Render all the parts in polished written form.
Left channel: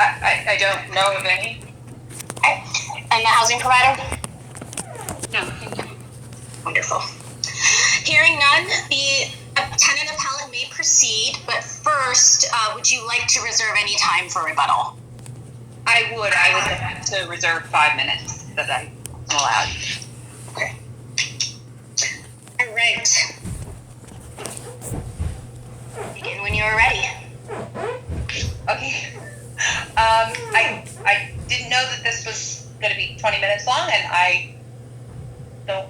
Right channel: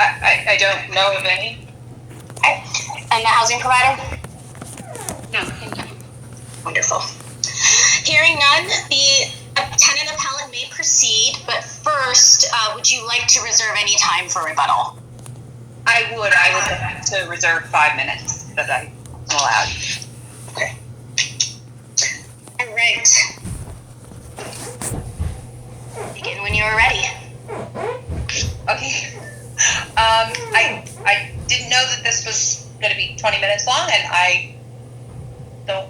I don't know of any. Okay. And the housing provider? No, thank you. Wonderful. Hearing none, the tenant appellant may proceed, but first, would you like to reserve any time for rebuttal? I would have to reserve 5 minutes that I'm allowed. Okay. All right. Begin when you are ready. Okay. I didn't know that this was going to be 20 minutes long, and I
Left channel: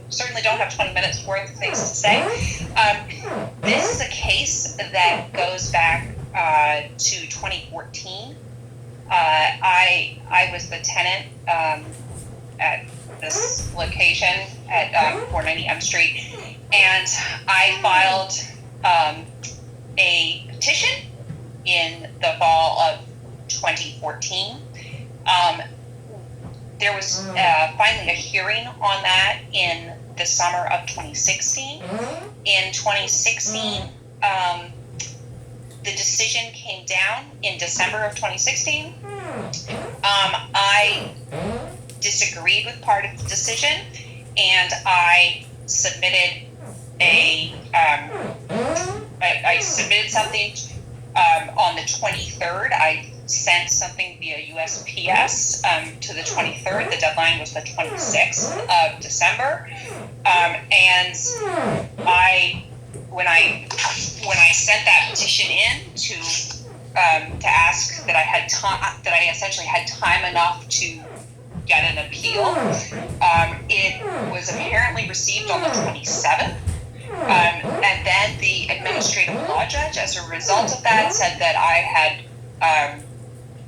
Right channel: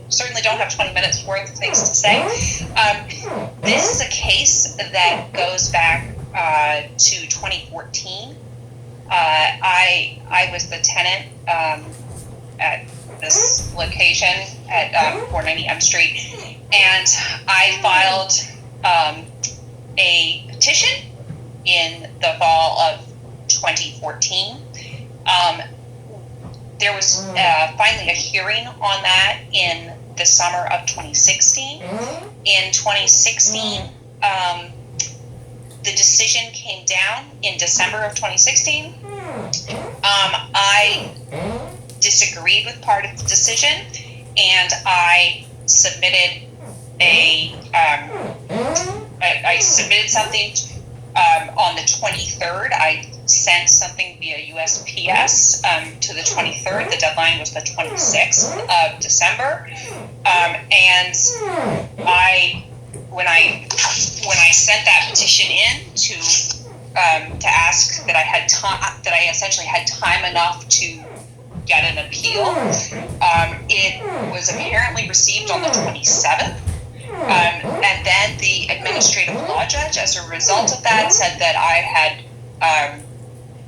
certainly don't have 20 minutes worth of things to say. This is a case that goes back to 2014. I was the tenant at this location at 490 M Street, and I filed a petition in the fall of 2014. There was finally a hearing on that in the summer of 2016. In 2016, the decision came down in December of 2016. I disagreed with part of the decision, and I submitted I submitted something on the 23rd. I sent something via USPS to the 23rd. The deadline was the 26th of December, and when I sent that petition in to ask that I had time, that I essentially had time enough to get an appeal, it was apparently received on the 27th. And then the administrative law judge, as a result of that, said that I had,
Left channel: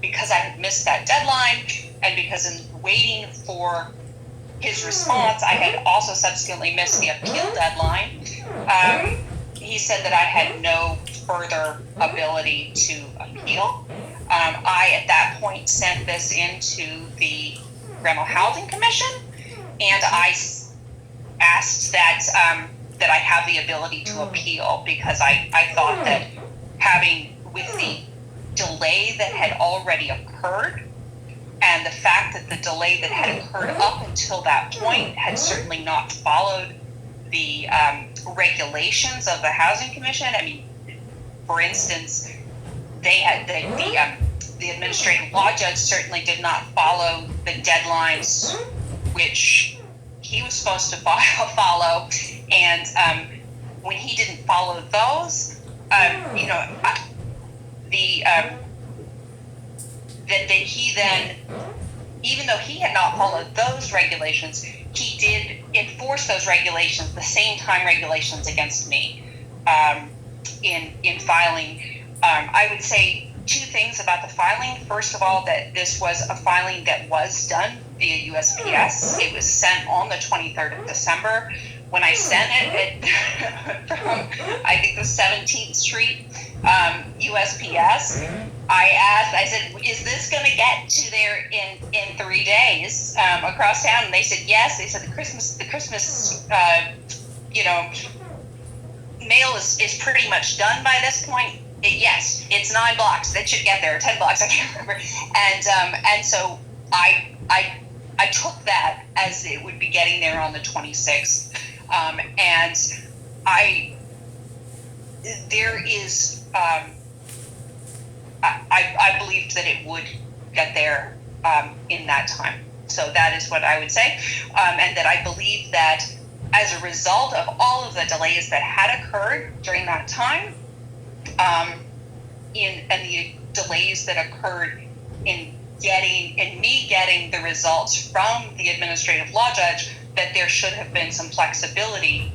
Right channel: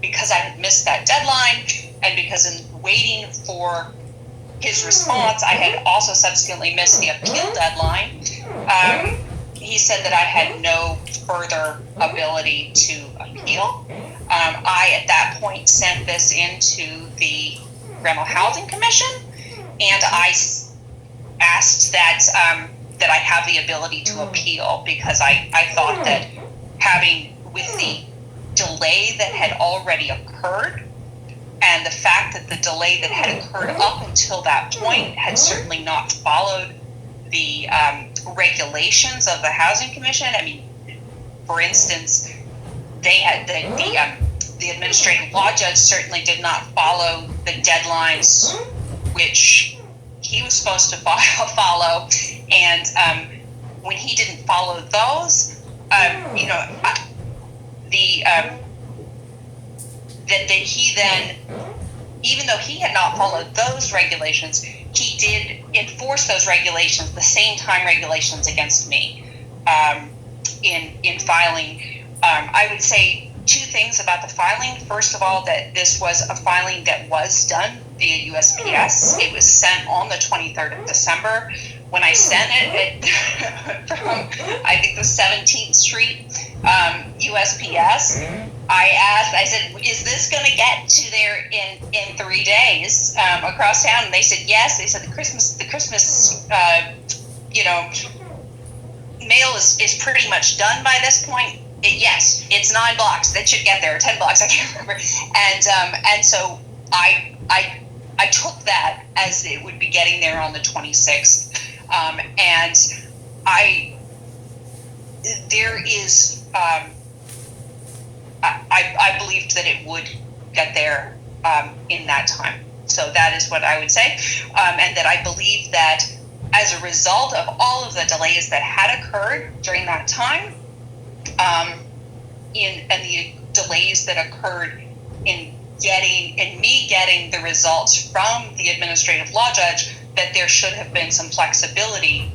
because I had missed that deadline, and because in waiting for his response, I had also subsequently missed the appeal deadline. He said that I had no further ability to appeal. I, at that point, sent this into the Rental Housing Commission, and I asked that that I have the ability to appeal, because I thought that with the delay that had already occurred, and the fact that the delay that had occurred up until that point had certainly not followed the regulations of the Housing Commission. I mean, for instance, they had the administrative law judge certainly did not follow the deadlines which he was supposed to follow, and when he didn't follow those, that he then, even though he had not followed those regulations, he did enforce those regulations, the same time regulations, against me in filing. I would say two things about the filing. First of all, that this was a filing that was done via USPS. It was sent on the 23rd of December. When I sent it from, I think, the 17th Street USPS, I said, is this going to get to there in 3 days across town? And they said yes. They said the Christmas mail is pretty much done by this point. Yes, it's 9 blocks. That should get there, 10 blocks. I can't remember. And so I took that as it would be getting there on the 26th. And I believed that it would get there in that time. So that is what I would say. And that I believe that as a result of all of the delays that had occurred during that time, and the delays that occurred in me getting the results from the administrative law judge, that there should have been some flexibility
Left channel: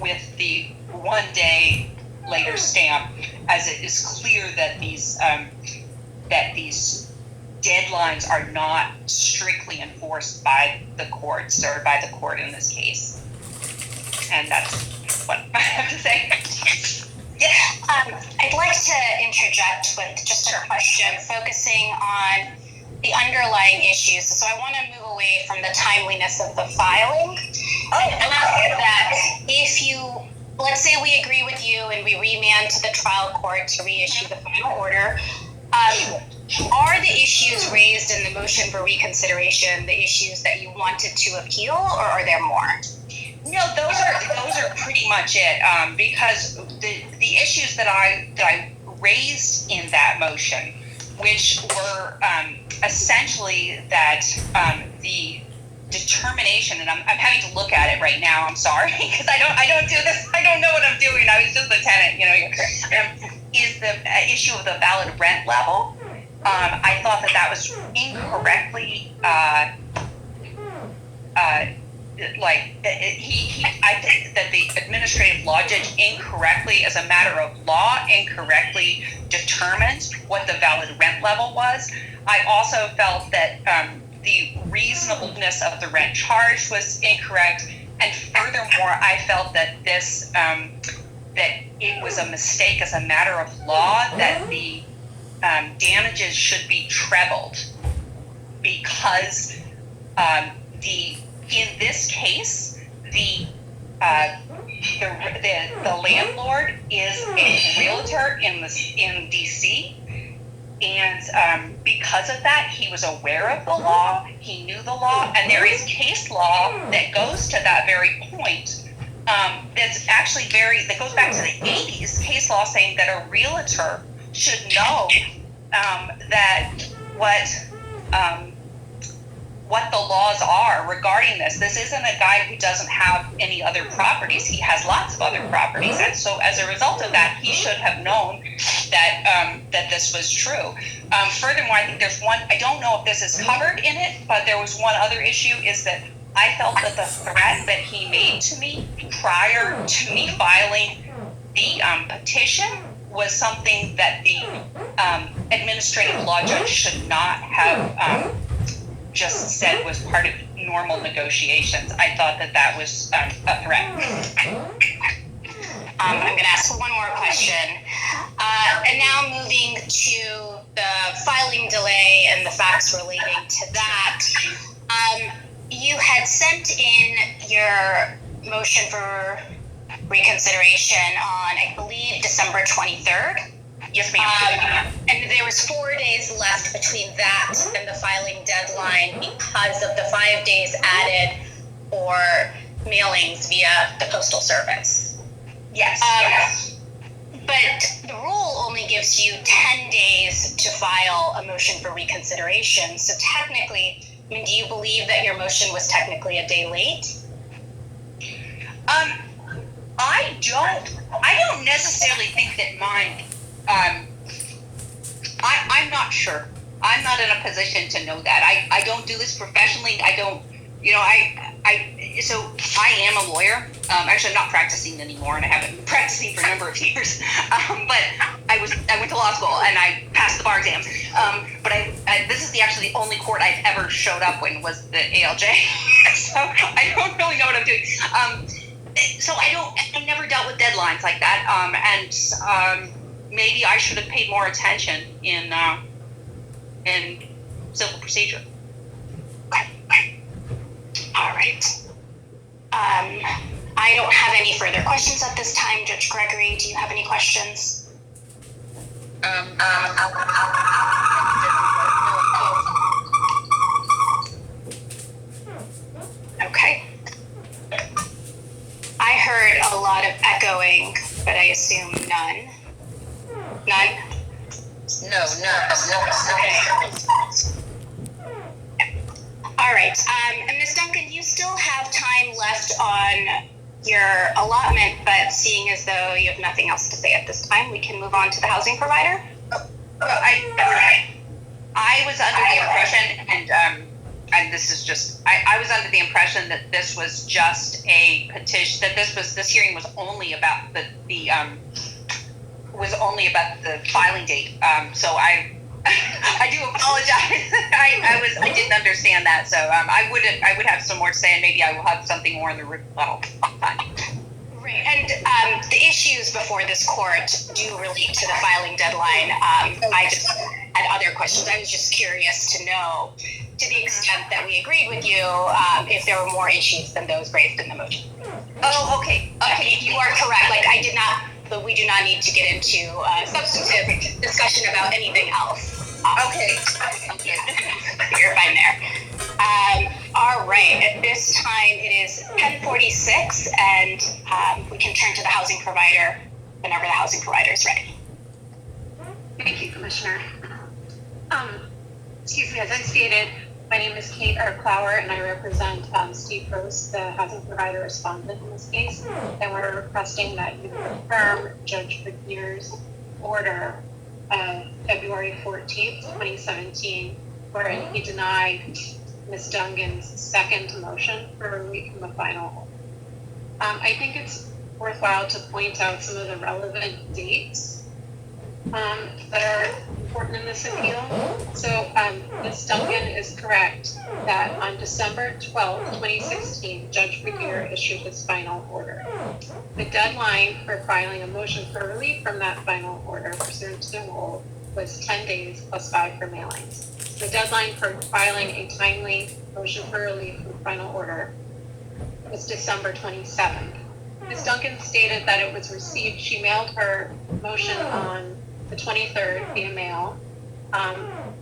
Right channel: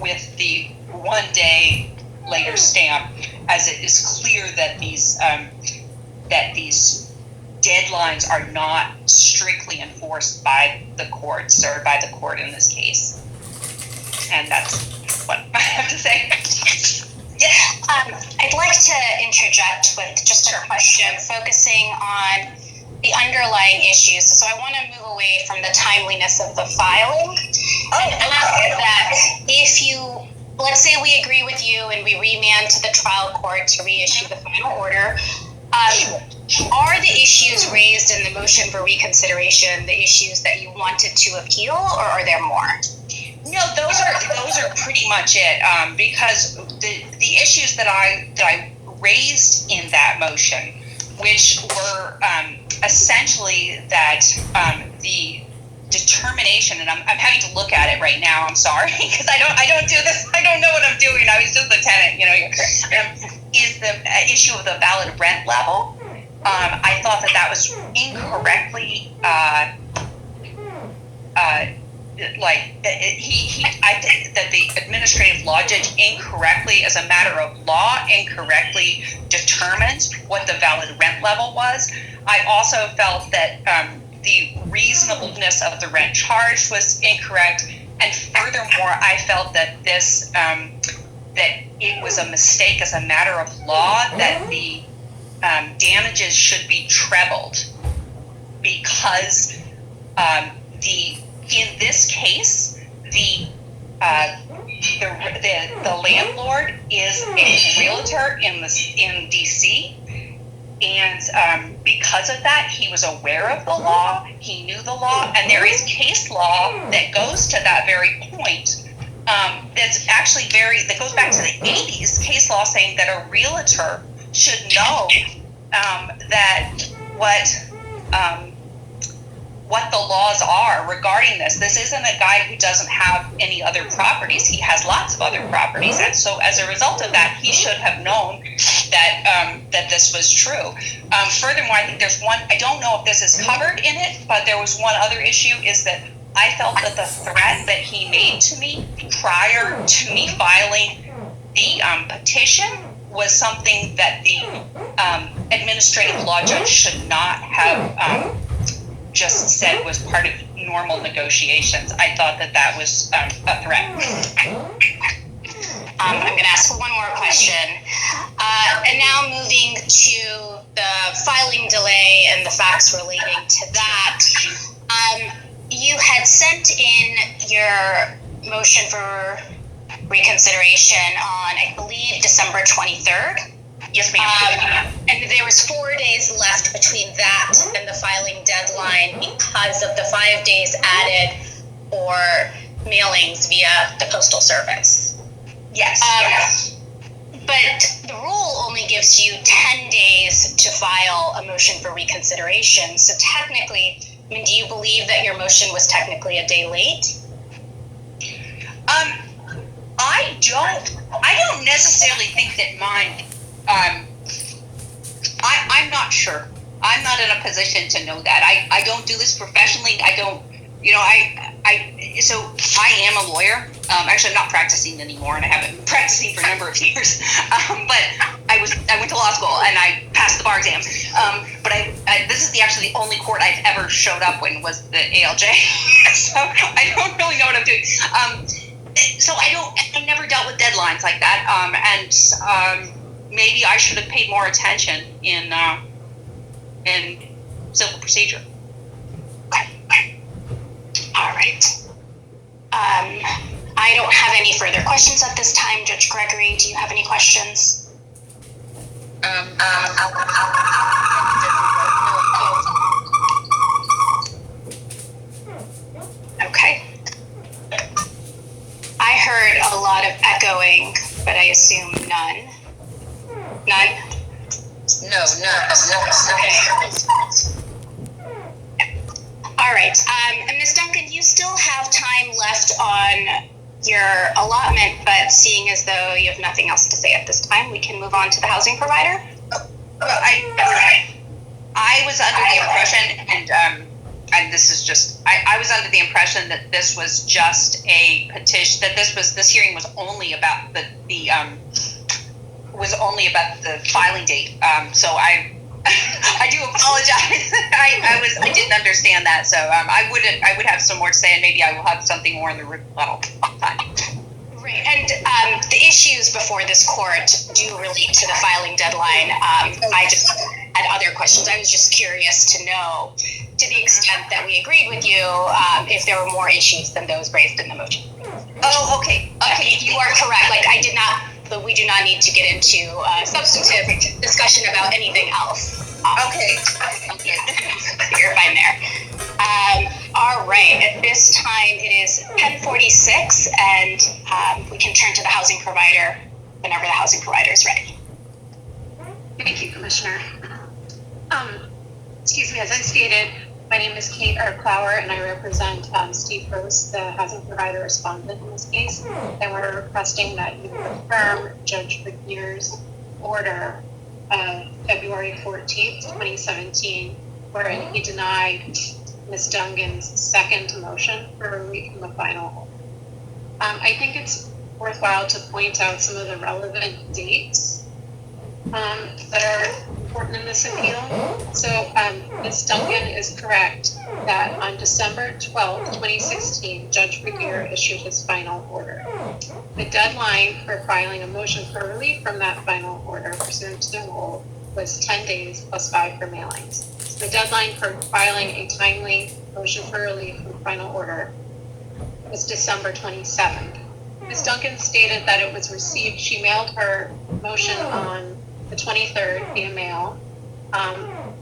with the 1 day later stamp, as it is clear that these deadlines are not strictly enforced by the courts, or by the court in this case. And that's what I have to say. Yeah. I'd like to interject with just a question focusing on the underlying issues. So I want to move away from the timeliness of the filing and ask that if you, let's say we agree with you and we remand to the trial court to reissue the final order, Are the issues raised in the motion for reconsideration the issues that you wanted to appeal, or are there more? No, those are pretty much it. Because the issues that I raised in that motion, which were essentially that the determination, and I'm having to look at it right now. I'm sorry, because I don't do this. I don't know what I'm doing. I was just a tenant, is the issue of the valid rent level. I thought that was incorrectly. I think that the administrative law judge incorrectly, as a matter of law, incorrectly determined what the valid rent level was. I also felt that the reasonableness of the rent charge was incorrect, and furthermore, I felt that this that it was a mistake as a matter of law that the damages should be trebled because in this case the landlord is a realtor in DC. And because of that, he was aware of the law, he knew the law, and there is case law that goes to that very point. That goes back to the 80s, case law saying that a realtor should know that what the laws are regarding this. This isn't a guy who doesn't have any other properties. He has lots of other properties. And so as a result of that, he should have known that this was true. Furthermore, I think there's one, I don't know if this is covered in it, but there was one other issue, is that I felt that the threat that he made to me prior to me filing the petition was something that the administrative law judge should not have just said was part of normal negotiations. I thought that was a threat. I'm going to ask one more question. And now moving to the filing delay and the facts relating to that. You had sent in your motion for reconsideration on, I believe, December 23rd. Yes, ma'am. And there was 4 days left between that and the filing deadline because of the 5 days added for mailings via the Postal Service. Yes. But the rule only gives you 10 days to file a motion for reconsideration. So technically, do you believe that your motion was technically a day late? I don't necessarily think that mine. I'm not sure. I'm not in a position to know that. I don't do this professionally. I don't, so I am a lawyer. Actually, I'm not practicing anymore, and I haven't been practicing for a number of years. But I went to law school, and I passed the bar exam. But this is actually the only court I've ever showed up in was the ALJ. So I don't really know what I'm doing. So I never dealt with deadlines like that. And maybe I should have paid more attention in civil procedure. All right. I don't have any further questions at this time. Judge Gregory, do you have any questions? Okay. I heard a lot of echoing, but I assume none. None? No. Okay. All right. And Ms. Duncan, you still have time left on your allotment, but seeing as though you have nothing else to say at this time, we can move on to the housing provider. I was under the impression, and this is just, I was under the impression that this was just a petition, that this hearing was only about the filing date. So I do apologize. I didn't understand that. So I would have some more to say, and maybe I will have something more in the rebuttal time. Right, and the issues before this court do relate to the filing deadline. I just had other questions. I was just curious to know, to the extent that we agreed with you, if there were more issues than those raised in the motion. Oh, okay. You are correct. Like, I did not but we do not need to get into substantive discussion about anything else. Okay. You're fine there. All right, at this time it is 10:46, and we can turn to the housing provider whenever the housing provider is ready. Thank you, Commissioner. Excuse me, as I stated, my name is Kate Clower, and I represent Steve Gross, the housing provider respondent in this case, and we're requesting that you confirm Judge Vergeer's order of February 14th, 2017, wherein he denied Ms. Dungan's second motion for relief from the final order. I think it's worthwhile to point out some of the relevant dates that are important in this appeal. So Ms. Dungan is correct that on December 12th, 2016, Judge Vergeer issued his final order. The deadline for filing a motion for relief from that final order pursuant to the rule was 10 days plus 5 for mailings. So the deadline for filing a timely motion for relief from the final order was December 27th. Ms. Dungan stated that it was received, she mailed her motion on the 23rd via mail,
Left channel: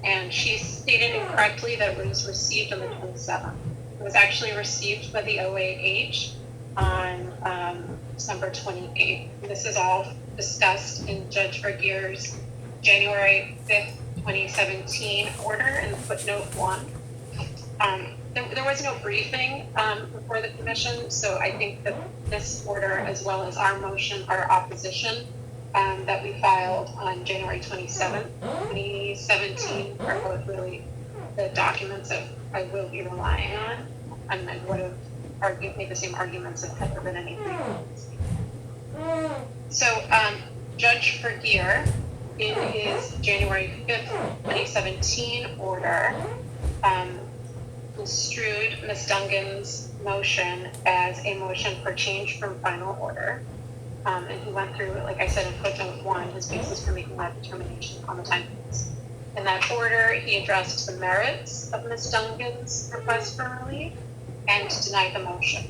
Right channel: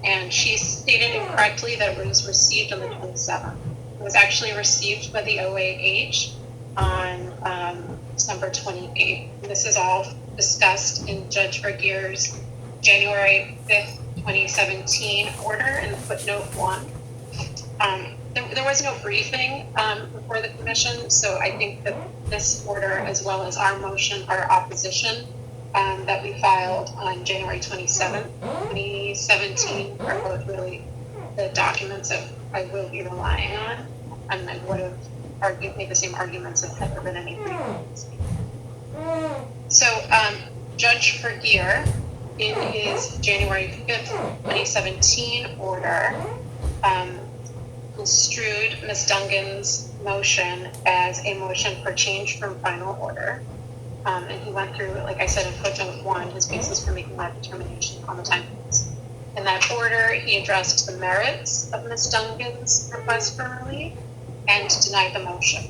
and she stated incorrectly that it was received on the 27th. It was actually received by the OAH on December 28th. This is all discussed in Judge Vergeer's January 5th, 2017 order in footnote 1. There was no briefing before the commission, so I think that this order, as well as our motion, our opposition, that we filed on January 27th, 2017, are both really the documents that I will be relying on, and I would have made the same arguments if there had been any briefings. So Judge Vergeer, in his January 5th, 2017 order, construed Ms. Dungan's motion as a motion for change from final order. And he went through, like I said in footnote 1, his basis for making that determination on the timeliness. In that order, he addressed the merits of Ms. Dungan's request for relief and denied the motion.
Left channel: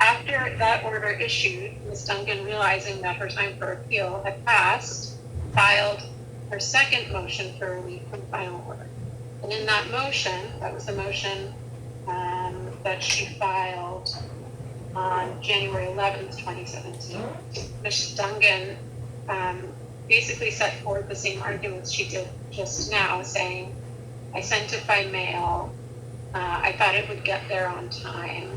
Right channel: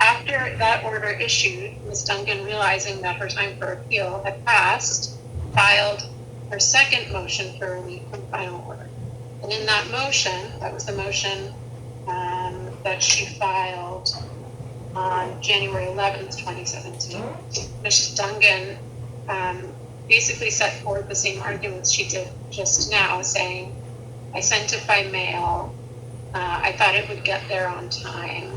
After that order issued, Ms. Dungan, realizing that her time for appeal had passed, filed her second motion for relief from final order. And in that motion, that was the motion that she filed on January 11th, 2017, Ms. Dungan basically set forth the same arguments she did just now, saying, I sent it by mail, I thought it would get there on time.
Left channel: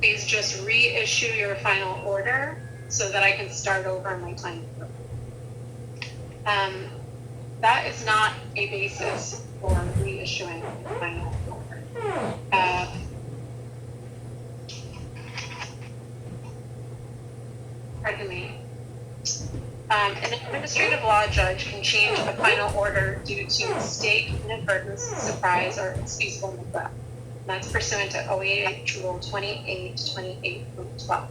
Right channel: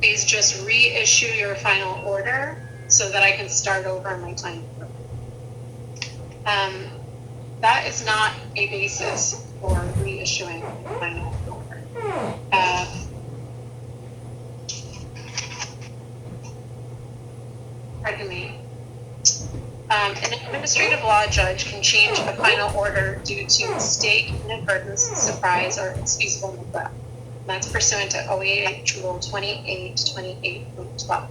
Please just reissue your final order so that I can start over my time. That is not a basis for reissuing the final order. Pardon me. An administrative law judge can change a final order due to mistake, inadvertence, surprise, or excusable neglect. And that's pursuant to OAH Rule 28.12.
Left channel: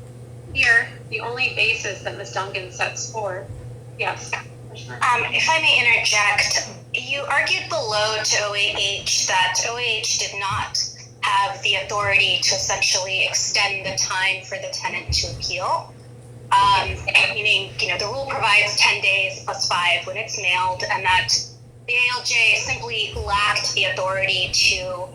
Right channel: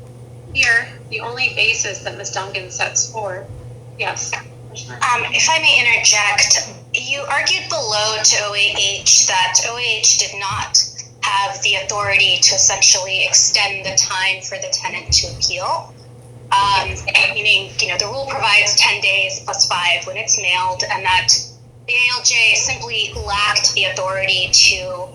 Here, the only basis that Ms. Dungan sets forth, yes. If I may interject, you argued below to OAH that OAH did not have the authority to essentially extend the time for the tenant to appeal. Meaning, the rule provides 10 days plus 5 when it's mailed, and that the ALJ simply lacked the authority to,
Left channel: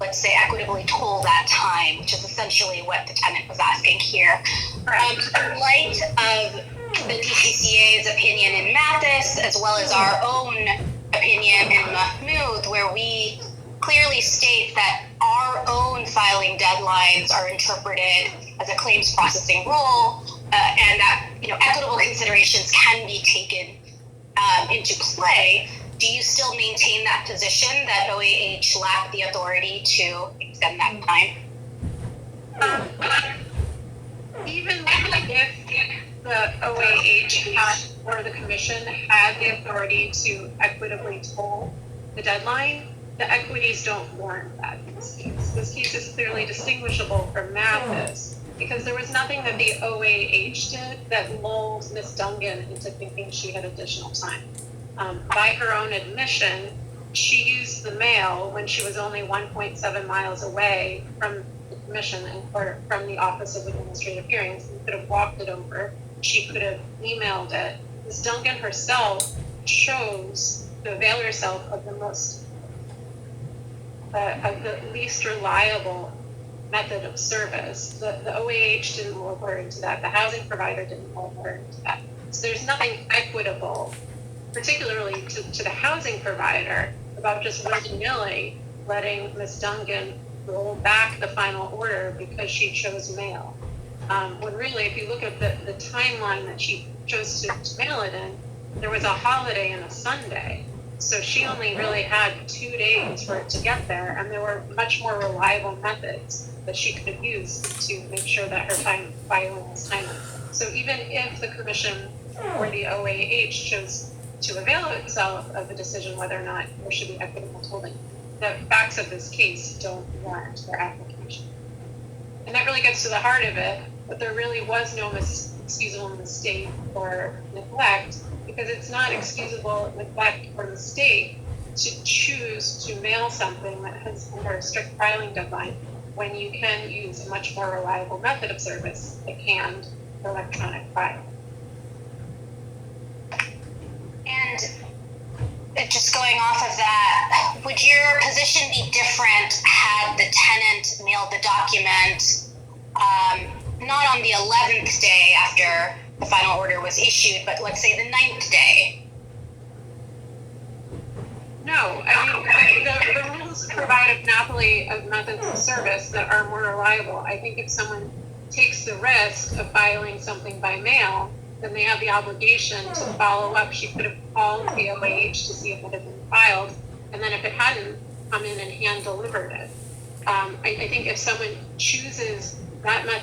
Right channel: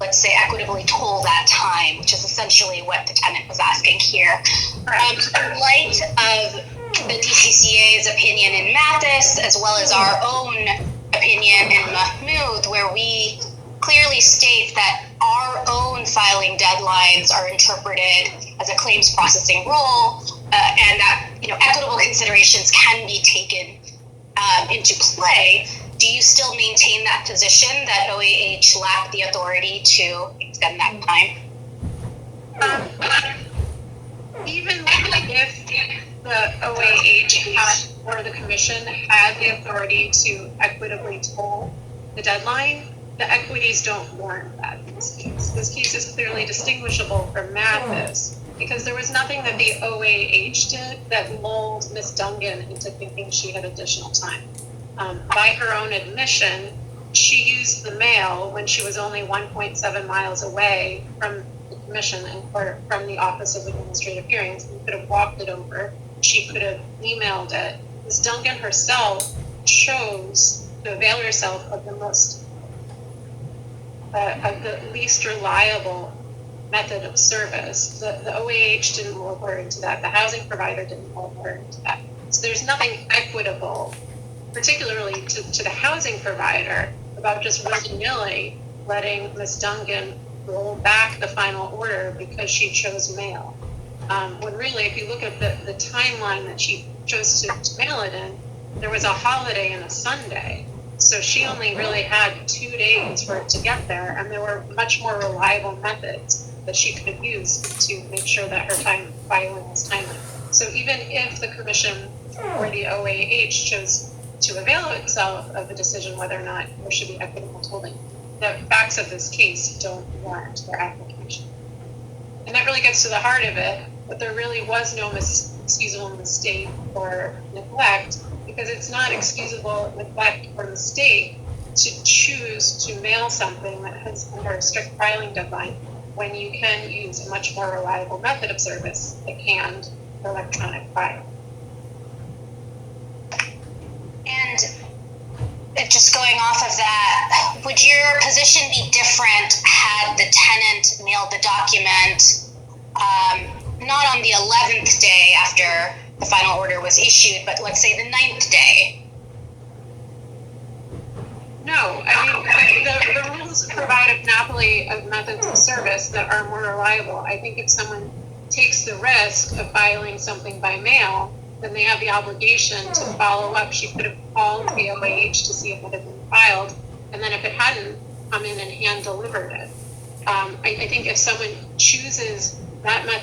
let's say, equitably toll that time, which is essentially what the tenant was asking here. In light of the DCCA's opinion in Mathis, as well as our own opinion in Mahmoud, where we clearly state that our own filing deadlines are interpreted as a claims processing rule, and that equitable considerations can be taken into play. Do you still maintain that position that OAH lacked the authority to extend that time? Even if the OAH had, or the commission had the authority to equitably toll the deadline, the equities don't warrant that in this case. This case is clearly distinguishable from Mathis because there was nothing that the OAH did that lulled Ms. Dungan into thinking she had additional time. By her own admission, she used the mail when she was only 1.7 miles away from the commission and from the Office of Administrative Hearings. You could have walked it over she could have emailed it. Ms. Duncan herself chose to avail herself of the least reliable method of service. The OAH didn't roll her into that. The housing provider didn't roll her into that. So there's nothing equitable, particularly to the housing provider, about just willy-nilly letting Ms. Duncan roll back the final order because she chose mail. When really, if you look at the timeline that she chose to mail it in, there was a holiday and a Sunday. So she only really had 2 days for it to get there, and there were much more reliable methods that she could have used to make sure that her filing was timely. So even if the commission or the OAH chose to avail itself of a decision whether or not there should be equitable tolling, the facts of this case don't warrant their application. And that really gets to the heart of it, but there really was no excusable mistake or neglect, because it's not excusable neglect or mistake to choose to mail something that has under a strict filing deadline when you can use a much more reliable method of service, like canned electronic filing. And just going off of that, would your position be different had the tenant mailed the document not on the 11th day after the final order was issued, but let's say the 9th day? No, I mean, the rules provide a monopoly of methods of service that are more reliable. I think if someone takes the risk of filing something by mail, then they have the obligation to follow up. She could have called the OAH to see if it had been filed, and then if it hadn't, come in and hand delivered it. I think if someone chooses that method